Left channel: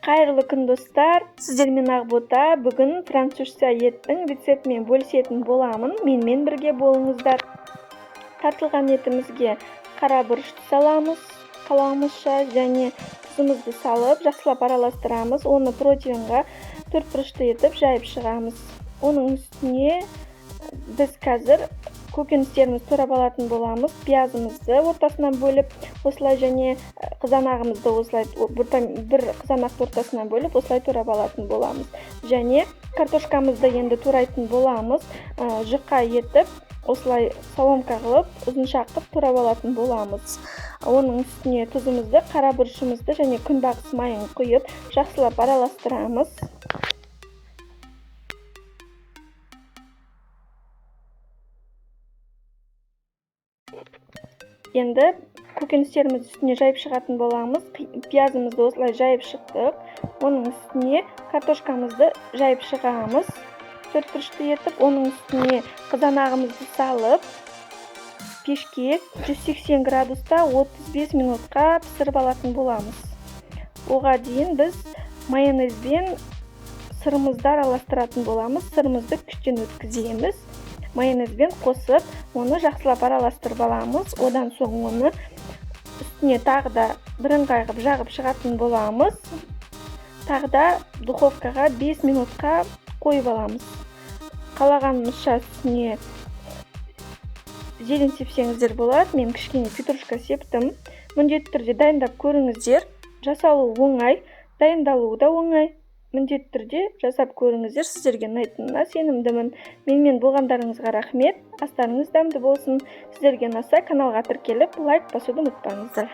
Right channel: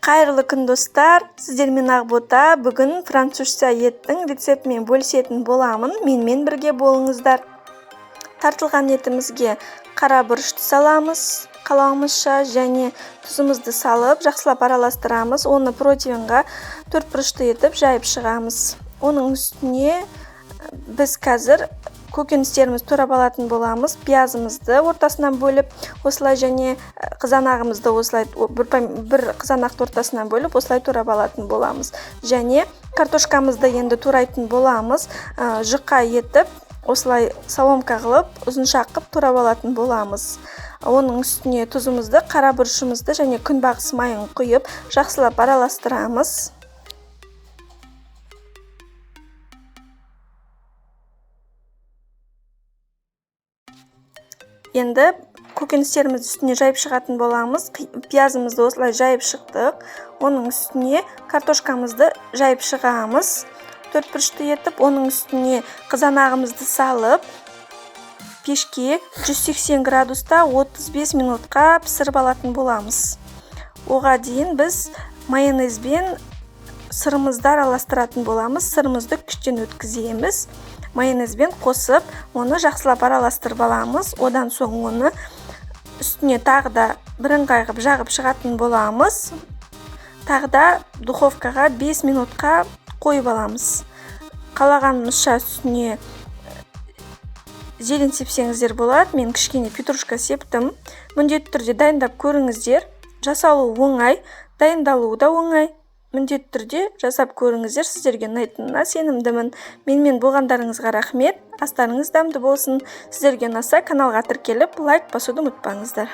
Қайырлы күн достар, сіздермен Ақбота. Бүгін французша еттің рецептімен бөлісетін боламын. Менімен бірге болыңыздар. Тартылған етімізге қара бұрышты саламыз, қалауымызша, және тұзымызды салып, жақсылап араластырамыз. Оны противенға 4 бұрышты етіп жайып шығамыз. Оның үстіне біз қазір көкөністерімізді турап алатын боламыз. Пиязымызды ортасынан бөліп, осылай, және қызанағымызды осылай бір қызанақты ортасынан бөліп, осылай турап алатын боламыз. Және картошкамызды енді турайтын боламыз. Жұқа етіп, осылай соломка қылып, ұзынша қылып турап алатын боламыз. Оның үстіне тұзымызды, қара бұрышымызды және күнбағыс майын құйып, жақсылап араластырамыз. Енді көкөністерімізді үстіне жайып шығатын боламыз. Пиязымызды осылай жайып шықтық. Оның үстіне картошкамызды жайып шығамыз. 4 бұрышты етіп, оның үстіне қызанағымызды салып, пешке 180 градуста 35 минутқа пісіріп алатын боламыз. Оға дейін біз майонезбен сырымызды араластыратын боламыз. Сырымызды күштен өткіземіз. Майонезбен қосып, оны жақсылап араластырып аламыз. Одан соң оны үстіне тағы да бірыңғай қылып жағып шығатын боламыз. Тағы да духовкаға 5 минутқа қойып аламыз. Қалағанымызша үстіне зелень сепсеңіздер болады. Мен кішкене петрушка септім. Міндетті түрде дайындап көріңіздер. Жасалу оңай, дайындалуы да оңай. Міндетті түрде жасап көріңіздер, сіздерге ұнайтынына сенімдімін. Менімен болғандарыңызға рахмет. Астарыңыз дәмді болсын. Сіздерге ұнаса, каналға тіркеліп, лайк басуды ұмытпаңыздар.